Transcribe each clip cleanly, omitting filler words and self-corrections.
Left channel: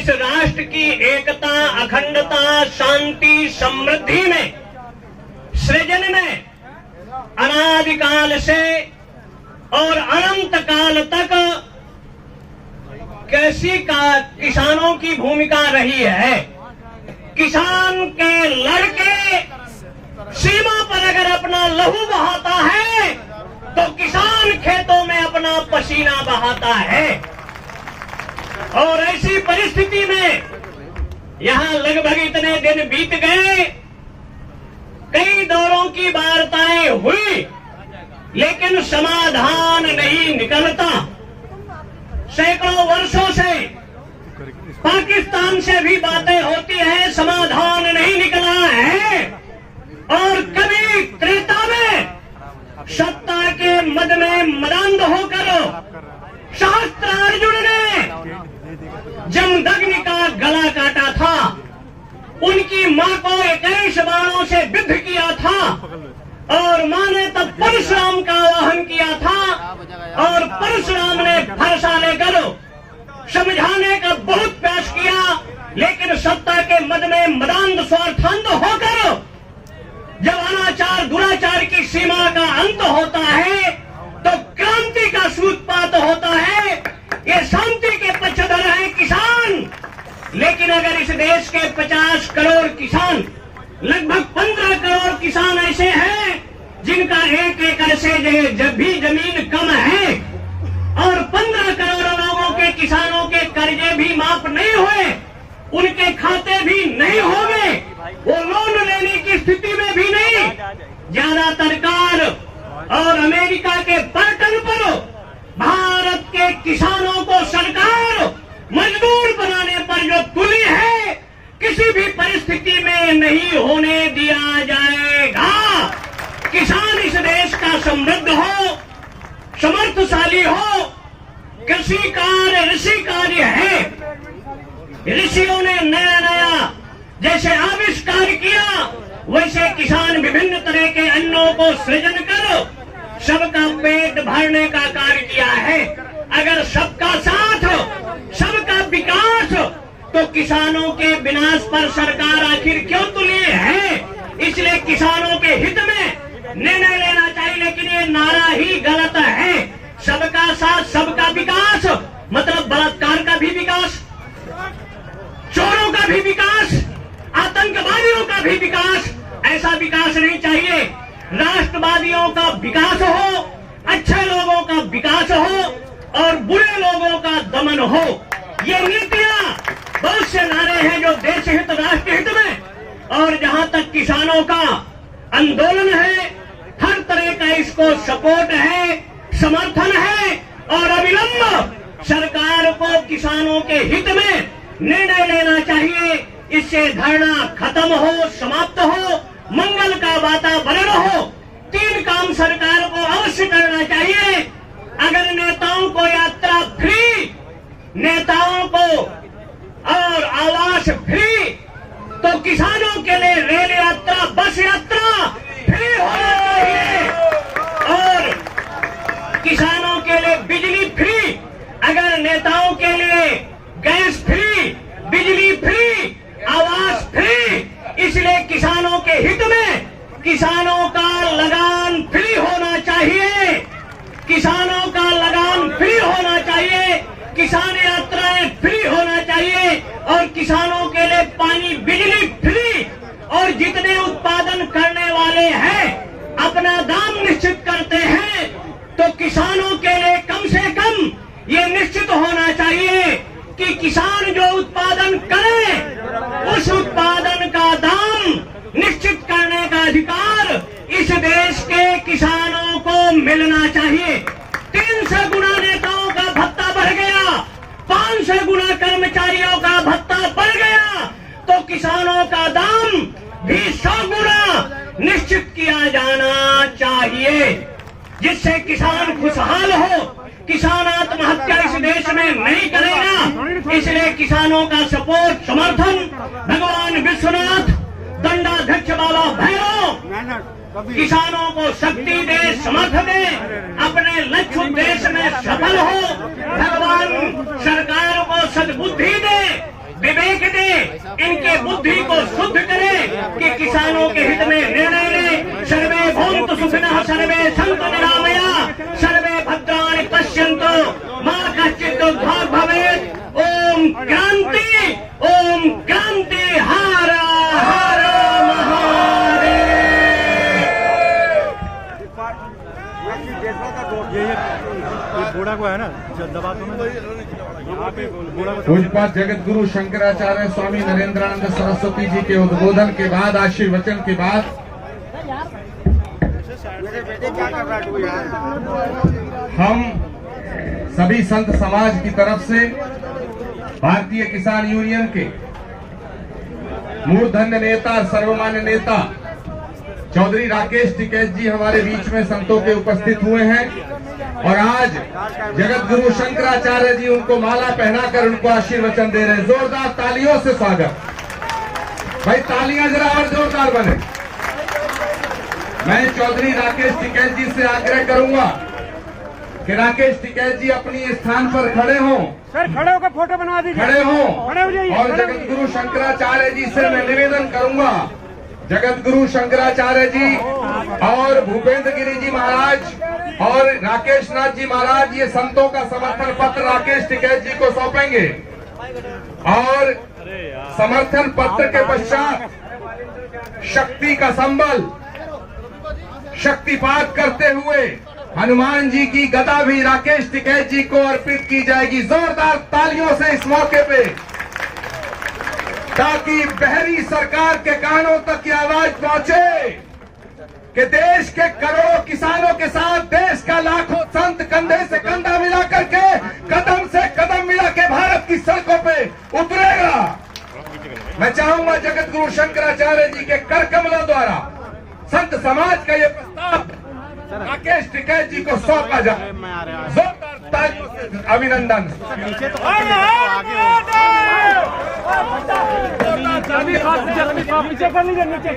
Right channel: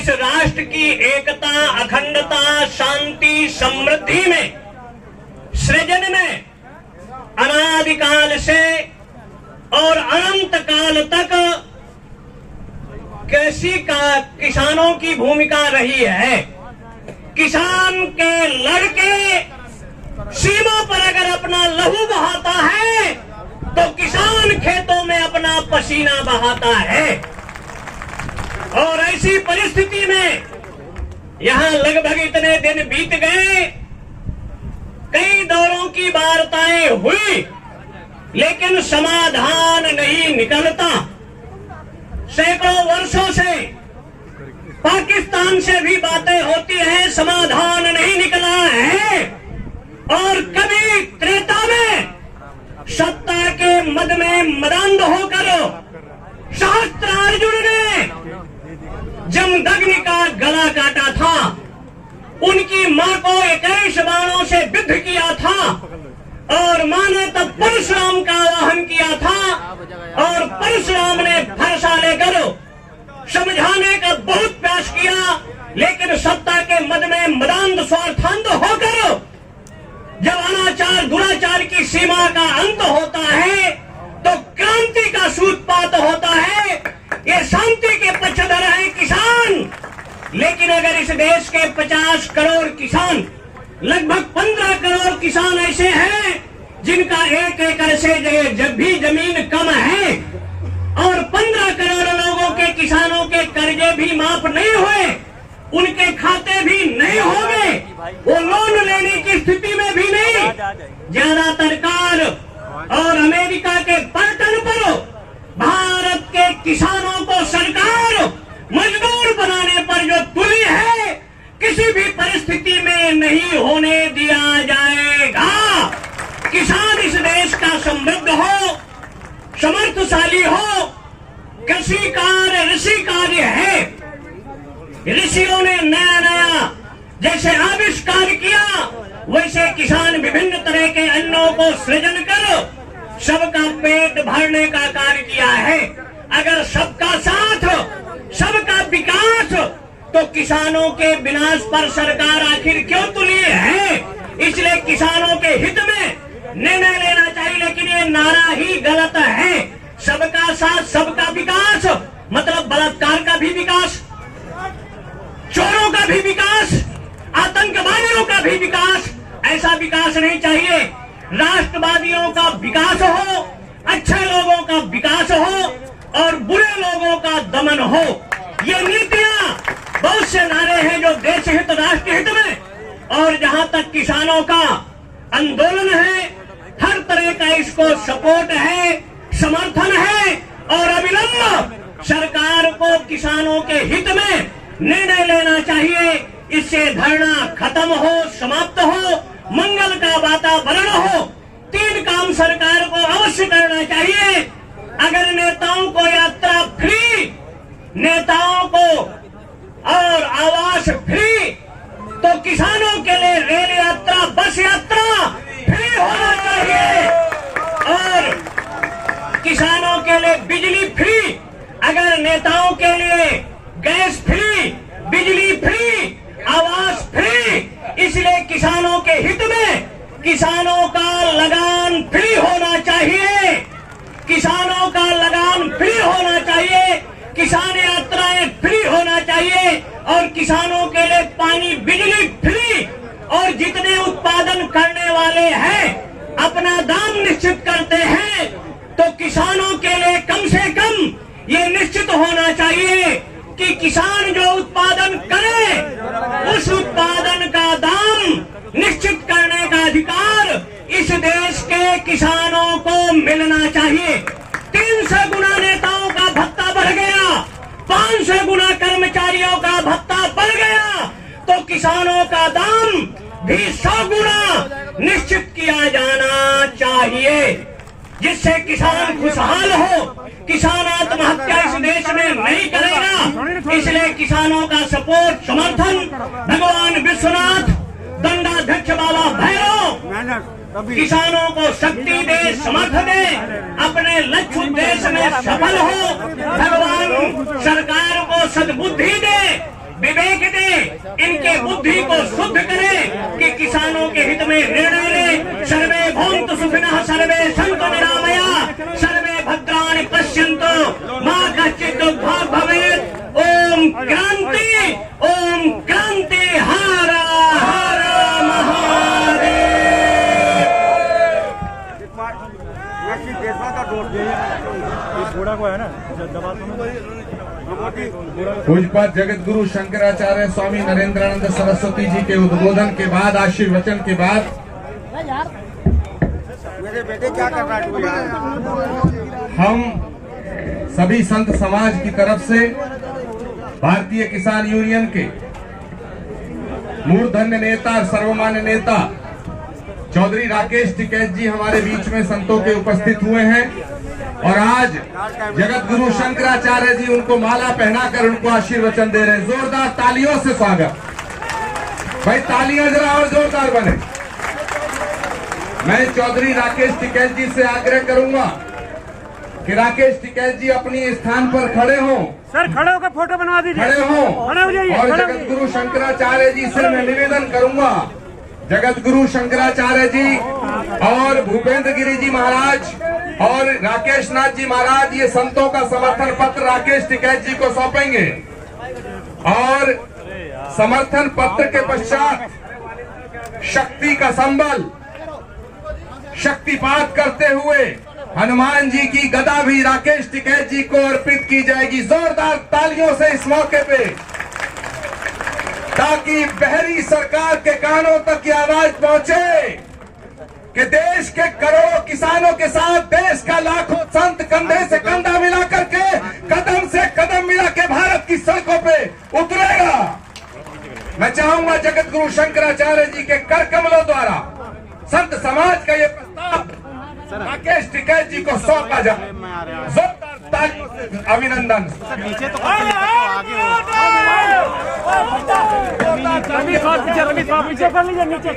इस राष्ट्र की एकता, अखंडता, शांति, समृद्धि में, सृजन में अनादिकाल से और अनंत काल तक कैसी किसानों की भूमिका रही है। किसान के लड़के सीमा पर अगर अपना लहू बहाता है तो किसान खेतों में अपना पसीना बहाता है। और ऐसी परिस्थिति में यहां लगभग इतने दिन बीत गए, कई दौरों की वार्ताएं हुई, लेकिन समाधान नहीं निकलता। सैकड़ों वर्षों से पाकिस्तान से भी बातें होती है, समाधान नहीं निकला है। और कभी त्रेता में सत्ता के मद में मदांध होकर सहस्त्रार्जुन ने जमदग्नि का गला काटा था, उनकी मां को 21 बाणों से विद्ध किया था, और मां ने तब परशुराम का आवाहन किया था, और परशुराम ने फरसा लेकर समझाने का बहुत प्रयास किया, लेकिन सत्ता के मद में मदांध स्वार्थांध होकर जब अनाचार दुराचार की सीमा का अंत होता है तो क्रांति का सूत्रपात होता है। ये शांति के पक्षधर है किसान, लेकिन अगर इस देश के 50 करोड़ किसान, लगभग 15 करोड़ किसान ऐसे हैं जिनका 1 एकड़ से जब भी जमीन कम है, और 15 करोड़ लोगों के किसानों के कर्जे भी माफ नहीं हुए, उनके खाते भी नहीं होंगे, वो लोन लेने की स्थिति में भी नहीं। ज्यादातर कार और अमेरिका के पलटन पर भारत के किसानों को सरकार मजदूर बनाने पर जो तुली है, किसी भी परिस्थिति में नहीं होने दिया जाएगा। किसान इस देश का समृद्ध हो, समर्थशाली हो, कृषि कार्य ऋषि कार्य है। ऋषियों ने नया नया जैसे आविष्कार किया, वैसे किसान विभिन्न तरह के अन्नों को सृजन कर सबका पेट भरने का कार्य किया है। अगर सबका साथ, सबका विकास, तो किसानों के विनाश पर सरकार आखिर क्यों तुली है? इसलिए किसानों के हित में निर्णय लेना चाहिए, लेकिन ये नारा ही गलत है। सबका साथ, सबका विकास मतलब बलात्कार का भी विकास, चोरों का भी विकास, आतंकवादियों का भी विकास, ऐसा विकास नहीं चाहिए। राष्ट्रवादियों का विकास हो, अच्छे लोगों का विकास हो, और बुरे लोगों का दमन हो। ये नीतियां बहुत से नारे हैं जो देश हित, राष्ट्र हित में, और जहां तक किसानों का आंदोलन है, हर तरह का इसको सपोर्ट है, समर्थन है, और अविलंब सरकार को किसानों के हित में निर्णय लेना चाहिए। इससे धरना खत्म हो, समाप्त हो, मंगल का वातावरण हो। 3 काम सरकार को अवश्य करना चाहिए। अगर नेताओं को यात्रा फ्री, नेताओं को और आवास फ्री, तो किसानों के लिए रेल यात्रा, बस यात्रा फ्री होना चाहिए, और किसानों के लिए बिजली फ्री। अगर नेताओं के लिए गैस फ्री, बिजली फ्री, आवास फ्री, इसलिए किसानों के हित में किसानों का लगान फ्री होना चाहिए, किसानों का लगान फ्री होना चाहिए, किसान यात्राएं फ्री होना चाहिए, और किसानों के लिए पानी, बिजली फ्री। और जितने उत्पादन करने वाले हैं अपना दाम निश्चित करते हैं, तो किसानों के लिए कम से कम ये निश्चित होना चाहिए कि किसान जो उत्पादन करे, उस उत्पादन का दाम निश्चित करने का अधिकार इस देश के किसानों को मिलना चाहिए। 300 गुना नेताओं का भत्ता बढ़ गया, 500 गुना कर्मचारियों का भत्ता बढ़ गया, तो किसानों का दाम भी 100 गुना निश्चित किया जाना चाहिए, जिससे किसान खुशहाल हो। किसान आत्महत्या इस देश में नहीं करेगा, इसलिए किसानों का सपोर्ट, समर्थन भगवान विश्वनाथ, दंडाध्यक्ष बाबा भैरव किसानों को शक्ति दे, समर्थ दे, अपने लक्ष्य उद्देश्य में सफल हो। भगवान सरकार को सद्बुद्धि दे विवेक दे, इनके बुद्धि को शुद्ध करे कि किसानों के हित में निर्णय ले। सर्वे भवन्तु सुखिनः, सर्वे सन्तु निरामया, सर्वे भद्राणि पश्यन्तु, मा कश्चित् दुःखभाग् भवेत्। ओम क्रांति, ओम क्रांति, हर हर पूज्यपाद जगत गुरु शंकराचार्य स्वामी नरेंद्रानंद सरस्वती जी के उद्बोधन के बाद, आशीर्वचन के बाद हम सभी संत समाज की तरफ से भारतीय किसान यूनियन के मूर्धन्य नेता, सर्वमान्य नेता चौधरी राकेश टिकैत जी हमारे बीच में संतों के उपस्थित हुए हैं और आज जगत गुरु शंकराचार्य जी उनको माला पहनाकर उनको आशीर्वचन दे रहे हैं। जोरदार तालियों से स्वागत। भाई तालियां जरा और जोरदार बने। मैं चौधरी राकेश टिकैत जी से आग्रह करूंगा कि राकेश टिकैत जी अपनी स्थान पर खड़े हों। सर खड़े होकर फोटो बनवा दीजिए। खड़े हों और जगत गुरु शंकराचार्य जी से मैं निवेदन करूंगा, जगत गुरु शंकराचार्य जी और भूपेंद्र गिरी जी महाराज और राकेश नाथ जी महाराज ये संतों का समर्थन पत्र राकेश टिकैत जी को सौंपेंगे और समर्थन पत्र के पश्चात शक्ति का संबल शक्तिपात करते हुए हनुमान जी की गदा भी राकेश टिकैत जी को अर्पित की जाएगी। जोरदार तालियों से इस मौके पे, ताकि बहरी सरकार के कानों तक की आवाज पहुंचे कि देश के करोड़ों किसानों के साथ देश का लाखों संत कंधे से कंधा मिला करके, कदम से कदम मिला के भारत की सड़कों पे उतरेगा। मैं चाहूंगा जगत गुरु शंकराचार्य जी के कर कमलों द्वारा संत समाज का ये प्रस्ताव राकेश टिकैत जी को सौंपा जाए। जोरदार तालियों से अभिनंदन। नीचे तो पीछे कर लीजिए, नीचे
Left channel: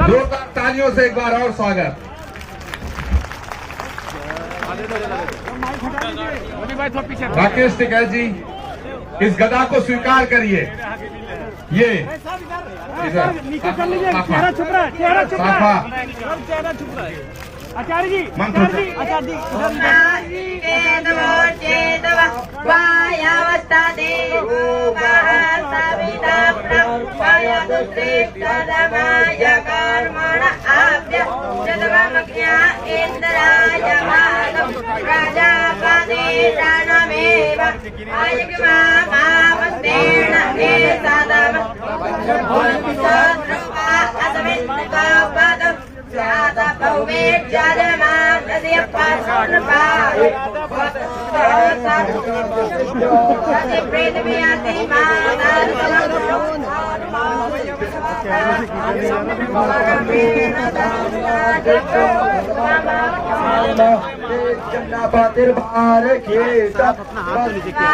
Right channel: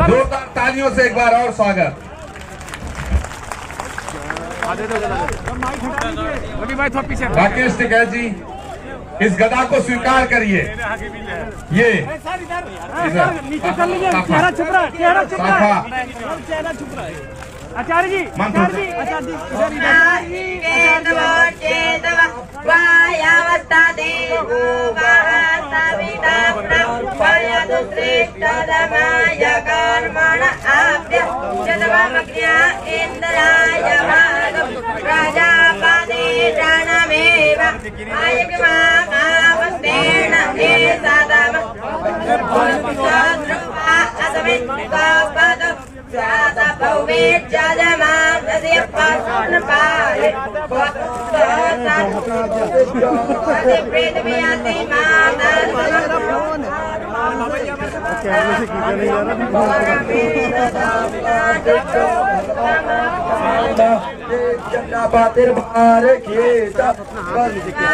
जोरदार तालियों से एक बार और स्वागत। राकेश टिकैत जी इस गदा को स्वीकार करिए। ये नीचे कर लीजिए, चेहरा छुप रहा है, चेहरा छुप रहा है, चेहरा छुप रहा है। आचार्य जी, आचार्य जी, आचार्य जी, पातिर बार खेत अपना हाथ नीचे किया।